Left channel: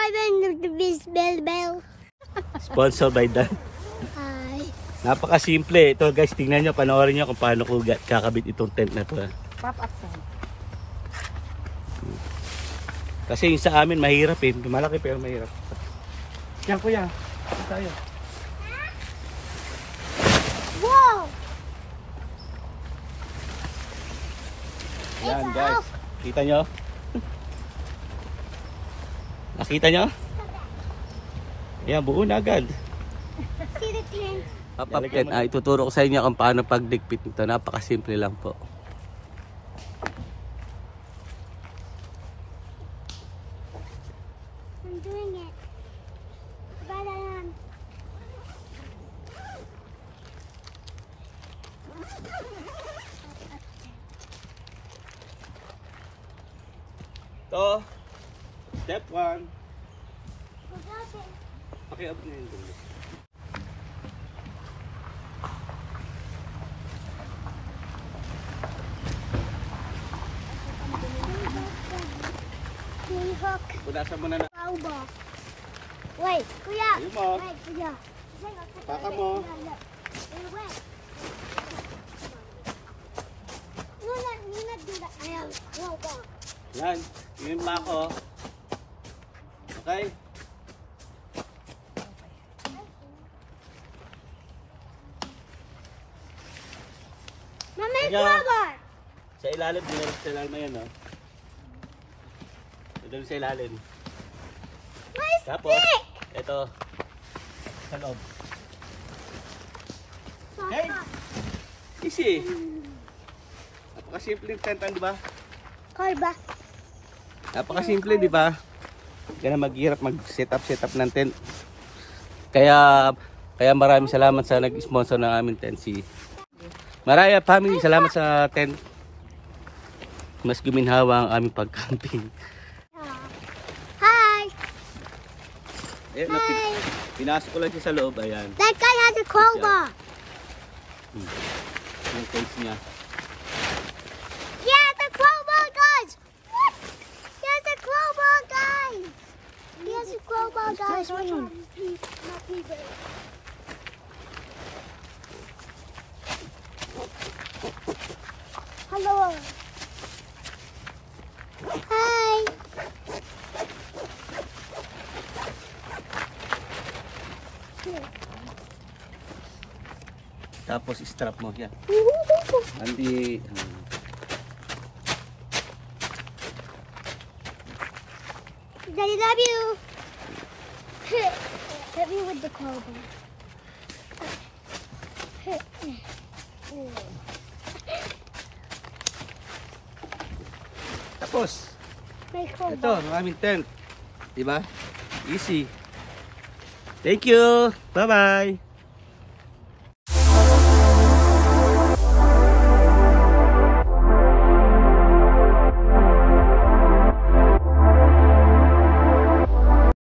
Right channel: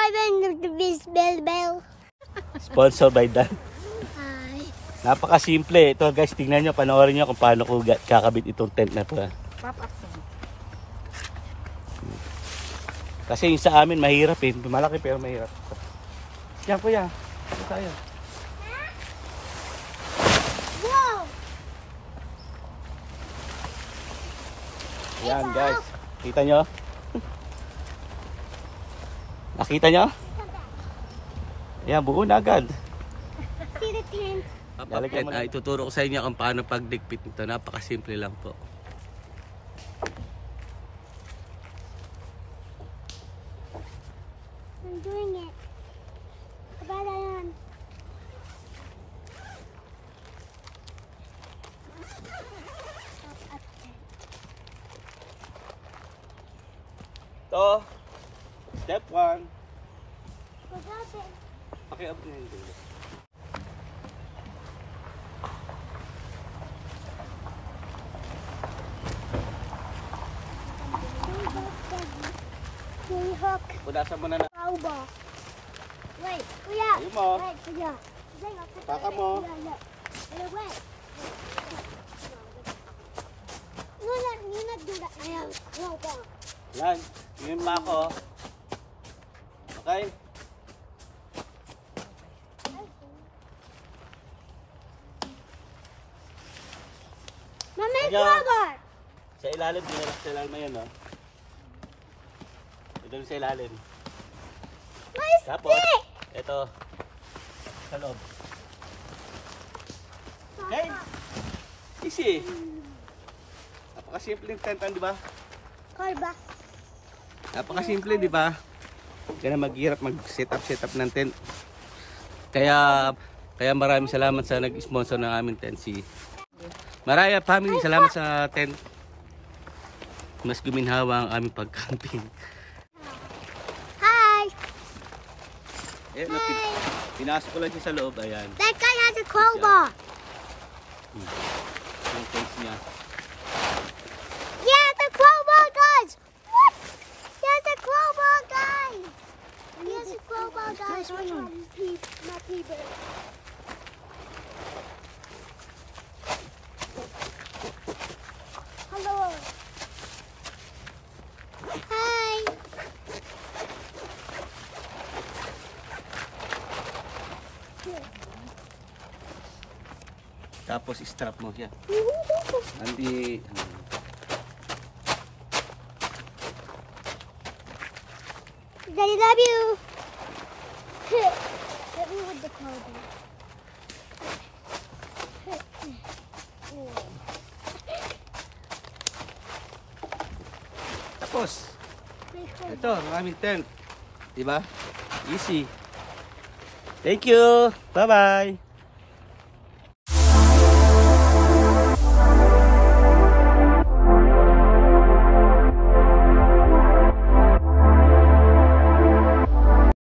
subscribe and the bell. Sponsored by Dan. Hi. Napaka-simple. Ito guys, tingnan nyo, panoorin nyo kung paano ko kakabit itong tent na to. Pop up sa. Kasi yung sa amin mahirap eh. Malaki pero mahirap. Yan kuya. Ito tayo. Wow! Yan guys. Kita nyo? Nakita nyo? Yan, buo na agad. See the tent? Ituturo ko sa inyo kung paano pagdikpit nito. Napakasimple lang po. I'm doing it. Ito. Step 1. Pakiabot na yung dulo. Punasan mo na na. Wait, kuya. Ayun mo. Wait, kuya. Paka mo. Yan. Yung pa ako. Okay. Mama, Kaya, rubber. sa ilalim, dinarap sa ilalim na yan, no? Doon sa ilalim. My Tapos, stick. ito. Sa loob. Hey! Easy! Napakasimple yung tentan, di ba? Kalba. Napakasimple, di ba? Kaya maghirap mag-set up ng tent. Kaya maraming salamat sa nag-sponsor ng aming tent, si Maraya Family. Salamat sa tent. Mas guminhawa ang aming pag-camping. Hi. Ayan, pinasok ko lang siya sa loob. Ayan. That guy has a crowbar. Yung face niya. Yeah, the crowbar, guys. He has a crowbar, guys. He has a crowbar, guys. Hello. Hi. Tapos strap mo siya. Andi. Daddy, love you. Hit me with the crowbar. Tapos, My crowbar. ito, ang aming tent. Diba? Easy. Thank you. Bye-bye.